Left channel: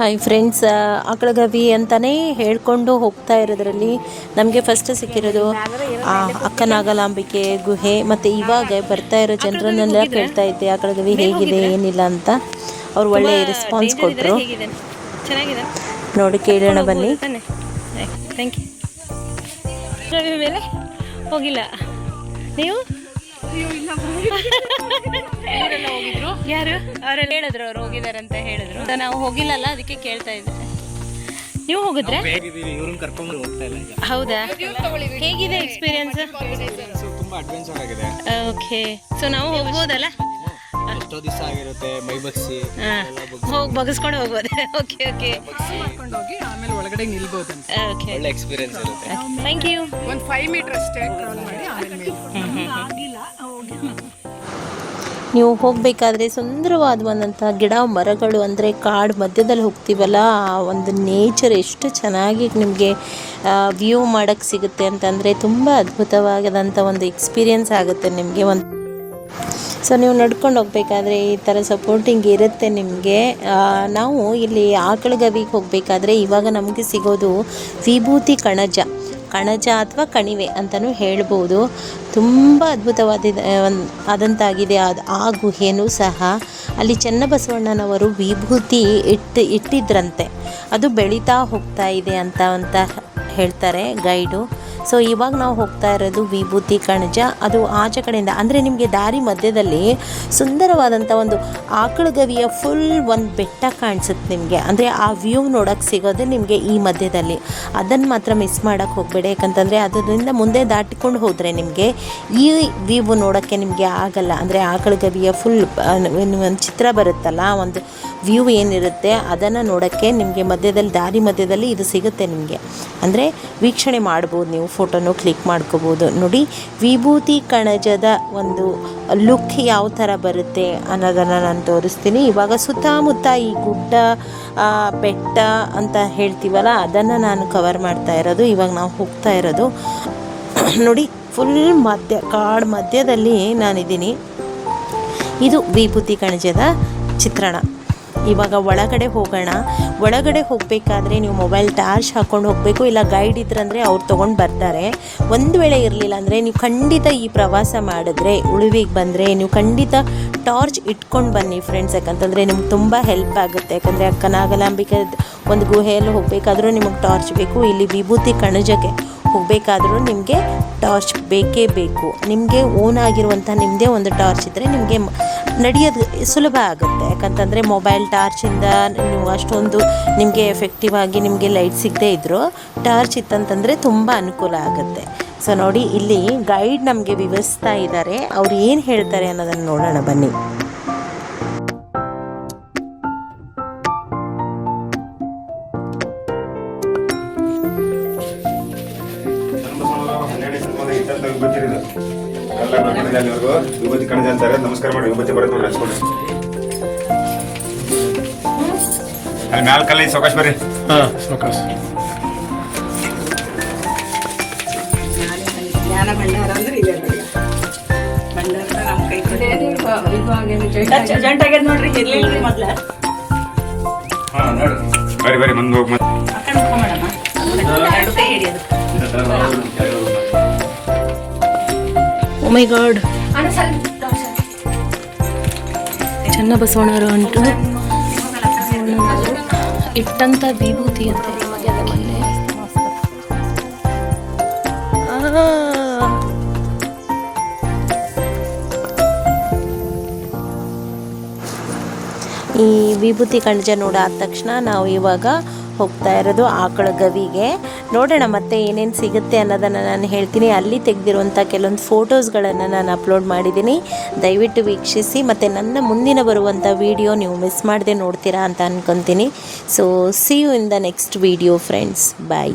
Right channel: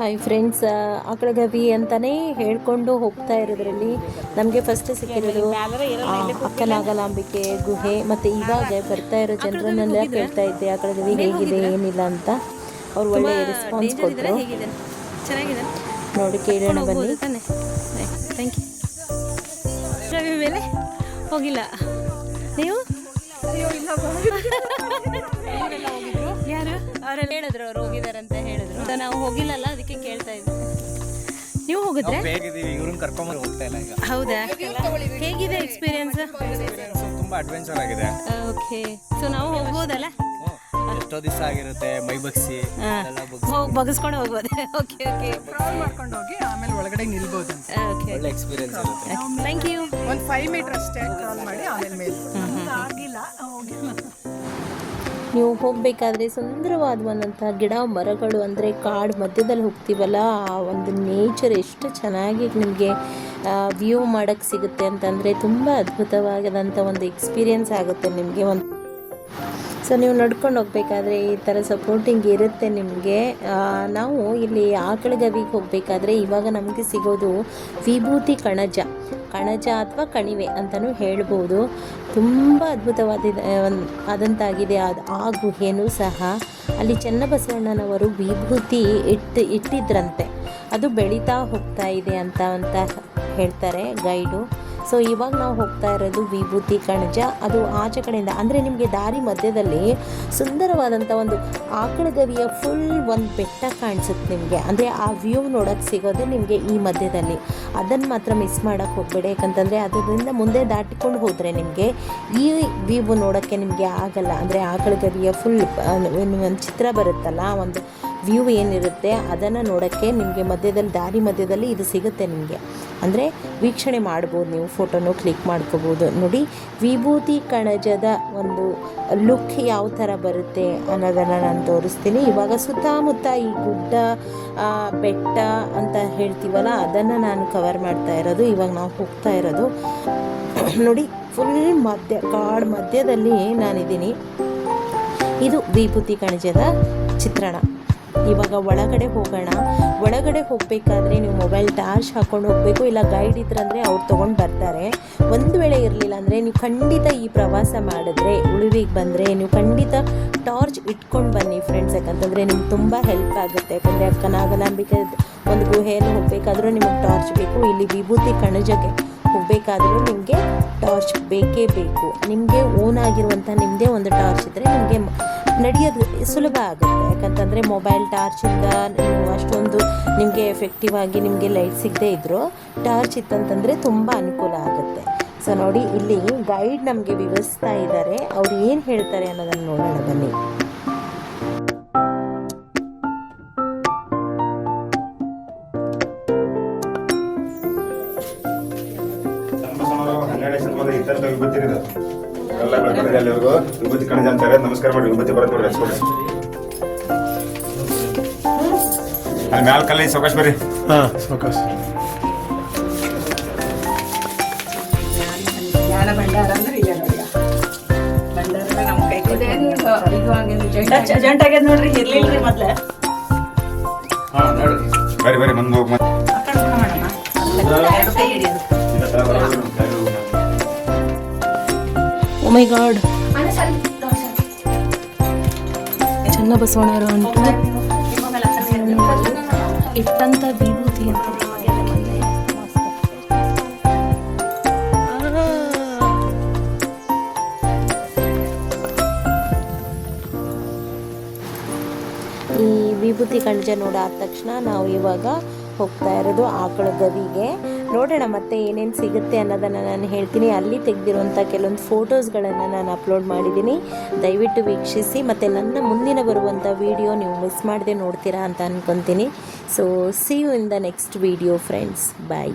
Hi friends, ಆಕಳಗವಿ ಅಂತಲೇ ಹೇಳ್ಕೊಂಡು ಹೋಗ್ತಾ ಇರೋದ್ರಲ್ಲಿ ನಮಗೆ ಫಸ್ಟ್ ಸಿಕ್ಕಿರೋದು ಅಕ್ಕನಾಗಲಾಂಬಿಕೆ ಗುಹೆ. ಮತ್ತು ಇವಾಗ ಬರ್ತಾ ಇರೋ ಜನರನ್ನೆಲ್ಲ ಕೇಳ್ತಾ ಇದ್ದೆ ಆಕಳಗವಿ ಹೇಗಿದೆ ಏನಿಲ್ಲ ಅಂತ. ಅವ್ರು ಒಳ್ಳೆ ರೆಸ್ಪಾನ್ಸ್ ಕೊಟ್ಟರು. ಚೆನ್ನಾಗಿದೆ ನೋಡಿ ಕೇಳೋಣ ಬನ್ನಿ. Thank you. ರವಿ ಮೇಲೆ ಹೋಗಿಲ್ಲ ನೀವು? ಯಾರು ಅವರೆಲ್ಲ ಹೇಳಿದ್ರು, ಅವ್ರು ಹೋಗಿದ್ದಾರೆ ಅಂತ ಹೇಳಿದ್ರು. ನಾವು ಹೋಗಿಲ್ಲಲ್ಲ, ಅದಕ್ಕೆ ಕೇಳ್ತಾ ಇದ್ದೆ. ನೀವು ಹೋಗಿದ್ರೆ? ಹೌದಾ, ಹೇಗಿದೆ ಎಕ್ಸ್ಪೀರಿಯನ್ಸ್? ತುಂಬಾ ಅಡ್ವೆಂಚರ್ ಆಗಿದೆ. ಓಕೆ, ಸೊ ನಾವು ಹೋಗ್ಬೋದಲ್ಲ? ಎಷ್ಟೋ ದಿವಸ ಆಗಿರುತ್ತೆ ಮೈ ಬಗ್ಸಿ ಹೋಗಿ ಬಗ್ಸ್ಕೊಂಡು ಹೋಗ್ಬೋದು. ಓಕೆ ಓಕೆ, ಮಾಡ್ಕೊಂಡು ಹೋಗಿ ಆಮೇಲೆ ಒಳಗಡೆ ನಿಲ್ಬಹುದು ಅಂತ. ಓಕೆ, ಒಳ್ಳೆ ಎಕ್ಸ್ಪೀರಿಯನ್ಸ್ ಇರುತ್ತೆ. Thank you. ಒಂದು 5 ಮೀಟರ್ ಅಷ್ಟೇ ಕ್ರಾಲ್ ಮಾಡಿ ಆಮೇಲೆ ಮೇಲೆ. ನೀವು ಹೋಗಬೇಕಾದ್ರೆ ಸುಂದರವಾದಂಥ ಗಿಡ ಮರಗಳು, ಅಂದರೆ ಕಾಡು ಮಧ್ಯದಲ್ಲಿ ಹೋಗ್ತೀವಲ್ಲ, ಆ ಒಂದು ನೇಚರ್ ಎಷ್ಟು ಚೆನ್ನಾಗಿ ನಿಮಗೆ ವ್ಯೂ ಮಾಡೋಕ್ಕೆ ಸಿಗುತ್ತೆ ಅಂತಂದರೆ ತುಂಬ ಅದ್ಭುತವಾದಂಥ ಒಂದು ಎಕ್ಸ್ಪೀರಿಯನ್ಸ್ ಆಗುತ್ತೆ ನಿಮಗೆ. ಸೊ ನೀವು ನಡ್ಕೊಂಡು ಹೋಗಬೇಕಾದ್ರೆ ಈ ಥರ ಸಪೋರ್ಟಿಂಗ್ ಇರುತ್ತೆ ನಿಮಗೆ. ನಾವು ಇಲ್ಲಿ ಆಕಳಗವಿಗೆ ಹೋಗಬೇಕಾದ್ರೆ ಇವಾಗ ನಮಗೆ ಸಿಗೋದು ವಿಭೂತಿ ಕಣಜ ಅಥವಾ ಕಣಿವೆ ಅಂತಲೂ ಹೇಳ್ಬೋದು. ತುಂಬ ಆದಂತಾಗಿದೆ ಆ ಗುಹೆನೂ ಸಹ. ಅಲ್ಲಿ ಚನ್ನಬಸವಣ್ಣನವರು ವಿಭೂತಿ ಇಟ್ಟಿದ್ರಂತೆ, ಅದು ಬೆಳೀತಾ ಹೋಗ್ತಾ ಇದೆ ಅಂತ ಹೇಳ್ತಾರೆ ಗೈಡು. ಸೊ ಇವಾಗ ನಾವು ಹೋಗ್ತಾ ಇರೋದು ವಿಭೂತಿ ಕಣಜ. ಅದು ಆಚೆ ಕಡೆಯಿಂದ, ಅಂದರೆ ನಿಮಗೆ ದಾರಿ ಮಧ್ಯದಲ್ಲಿ ಸುಂದರವಾದಂಥ ಒಂದು ಆಕಳಗವಿಯ ಫುಲ್ ಒಂದು ಬೆಟ್ಟ ಕಾಣಿಸುತ್ತೆ ನಿಮಗೆ. ಅಂದರೆ ಆ ವ್ಯೂ ನೋಡೋಕ್ಕೆ ಸಿಗೋದೇ ನಿಮಗೆ ಈ ಮಧ್ಯದಲ್ಲಿ. ಅದನ್ನು ಮಾತ್ರ ಮಿಸ್ ಮಾಡೋಕ್ಕೆ ಹೋಗಬೇಡಿ, ಯಾಕಂತಂದರೆ ಅದರಿಂದ ಮುಂದೆ ದಾಟಿಕೊಂಡು ಹೋದರೆ ನಿಮಗೆ ಈ ವ್ಯೂ ನೋಡೋಕ್ಕೆ ನಿಮಗೆ ಆಗಲ್ಲ. ಅಂದರೆ ಆಕಳಗವಿಯ ಫುಲ್ ಒಂದು ಚಿತ್ರ ಬರುತ್ತಲ್ಲ, ಒಂದು ವ್ಯೂ ಏನಿರುತ್ತೆ ಅದನ್ನು ನೋಡೋಕ್ಕೆ ನಿಮಗೆ ದಾರಿ ಮಧ್ಯದಲ್ಲಿ ಇದು ಸಿಗುತ್ತೆ ನಿಮಗೆ. ಅಂದರೆ ವೀಕ್ಷಣೆ ಮಾಡ್ಬೋದು, ನೀವು ಫೋಟೋನು ಕ್ಲಿಕ್ ಮಾಡ್ಕೋಬೋದು. ನೋಡಿ, ವಿಭೂತಿ ಕಣಜದ ಒಂದು ಲುಕ್ ಯಾವ ಥರ ಬರುತ್ತೆ ಅನ್ನೋದನ್ನು ನಾನು ತೋರಿಸ್ತೀನಿ. ಇವಾಗ ಸುತ್ತಮುತ್ತ ಈ ಗುಡ್ಡ ಬೆಟ್ಟ ಅಂತ ಹೇಳ್ತೀವಲ್ಲ, ಅದನ್ನು ನಾನು ಕವರ್ ಮಾಡ್ತಾ ಇರೋದು. ಇವಾಗ ನಾವು ಹೋಗ್ತಾ ಇರೋದು ನೋಡಿ, ಫುಲ್ ಕಾಡು ಮಧ್ಯದಲ್ಲಿ ನಾನಿದ್ದೀನಿ. ಇದು ವಿಭೂತಿ ಕಣಜದ ಚಿತ್ರಣ. ಇವಾಗ ಒಳಗಡೆ ಹೋಗೋಣ. ಒಳಗಡೆ ಹೋಗಬೇಕಾದ್ರೆ ನೀವು ಮೊಬೈಲ್ ಟಾರ್ಚ್ ಹಾಕ್ಕೊಂಡು ಹೋಗಬೇಕು, ಇಲ್ಲ ಗೈಡ್ ಇದ್ರಂದರೆ ಅವ್ರು ತೊಗೊಂಡು ಬರ್ತಾರೆ. ಒಂದು ವೇಳೆ ಇರಲಿಲ್ಲ ಅಂದರೆ ನೀವು ಖಂಡಿತ ಈ ಪ್ರವಾಸ ಮಾಡಿದ್ರೆ, ಉಳುವಿಗೆ ಬಂದರೆ ನೀವು ಖಂಡಿತ ಟಾರ್ಚ್ ಇಟ್ಕೊಂಡು ಬನ್ನಿ ಫ್ರೆಂಡ್ಸ್. ಯಾಕಂತಂದರೆ ನಿಮ್ಗೆ ತುಂಬ ಹೆಲ್ಪ್ ಆಗುತ್ತೆ. ಯಾಕಂದರೆ ಅಕ್ಕನಾಗಲಾಂಬಿಕೆ ಒಂದು ಗುಹೆಯಲ್ಲಿ ಹೋಗಬೇಕಾದ್ರೂ ನಿಮಗೆ ಟಾರ್ಚ್ ಬೇಕು. ಇಲ್ಲಿ ವಿಭೂತಿ ಕಣಜಕ್ಕೆ ಹೋಗಬೇಕಾದ್ರೂ ನಿಮಗೆ ಟಾರ್ಚ್ ಬೇಕೇ ಬೇಕು. ನಿಮಗೆ ಓನ್ ಆಗಿರುವಂಥ ನಿಮ್ಮದೇ ಒಂದು ಟಾರ್ಚ್ ಇದ್ದರೆ ನಿಮಗೆ ನಡೆಯೋದು ಸುಲಭ ಆಗುತ್ತೆ. ಯಾಕಂತಂದರೆ ಮೊಬೈಲ್ ಟಾರ್ಚಿಂದ ನೀವು ಅಷ್ಟೊಂದು ನಿಮಗೆ ಎಫೆಕ್ಟಿವ್ ಆಗಿ ನಿಮಗೆ ಲೈಟ್ ಸಿಗದೇ ಇದ್ದರೂ ಟಾರ್ಚ್ ಇತ್ತಂತಂದರೆ ತುಂಬ ಅನುಕೂಲ ಆಗುತ್ತೆ. ಸೊ ನೋಡಿ, ಇಲ್ಲಿ ಗೈಡ್ ನಮಗೆ ವಿವರಿಸ್ತಾ ಇದ್ದಾರೆ. ಅವ್ರು ಏನು ಹೇಳ್ತಾರೆ ಅನ್ನೋದನ್ನು ನೋಡೋಣ ಬನ್ನಿ. ವಿಭೂತಿ ಕಣಜ ಅಂತಾರೆ. ನಮಸ್ಕಾರ ಮಾಡಿ, ವಿಭೂತಿ ಕೊಡೋದು ನೋಡಿ, ಹಚ್ಕೊಡಿ. ಅಲ್ಲಿ ಮ್ಯಾಲ ಕಲ್ಲ ಸೌಕಾಶ್ ಬರ್ರಿ. ಸೌಕಾಶ್. ಜ್ಞಾನ ಭಂಡಾರ ಅಂದ್ರೆ ಇದೆ ನೋಡಿ. ಭಂಡಾರ ನಮ್ಮ ಕೈ ಜಂಟ್ ಆಗ್ಯದ ನೋಡ್ರಿ. ಇರ್ಲಿಲ್ರಿ ಮೊದ್ಲ. ಬರ್ರಿ ಮುಂದೆ ಹೋಗಿ ಓ ಮೈ ಗಾಡ್, ಚನ್ನಬಸವಣ್ಣರು ಅಂತೂ ಇಟ್ಟಂಥ ವಿಭೂತಿ ಅಂತ. ಈ ವಿಭೂತಿ ಕಣಜ ನೋಡಾದ ತಕ್ಷಣ ನಾವು ಇವಾಗ ಹೋಗ್ತಾ ಇರೋದು ಆಕಳಗವಿಗೆ. ನೋಡೋಣ ಮತ್ತೆ ಏನೇನು ಸಿಗುತ್ತೆ ಅನ್ನೋದನ್ನು ನಾನು ಹೇಳ್ತೀನಿ. ಅಲ್ಲಿ ತೆಗೆದಿರುವಂಥ ಕೆಲವೊಂದು ಫೋಟೋಸ್ಗಳನ್ನು ನಾನು ಅಪ್ಲೋಡ್ ಮಾಡಿದ್ದೀನಿ, ದಯವಿಟ್ಟು ವೀಕ್ಷಿಸಿ. ಮತ್ತು ನನ್ನ ಮುಂದಿನ ಬರುವಂಥ ವಿಡಿಯೋ ನೀವು ಮಿಸ್ ಮಾಡದೆ ನೋಡ್ತೀರಾ ಅಂತ ಅಂದ್ಕೊತೀನಿ. So see you in the next video friends. Bye.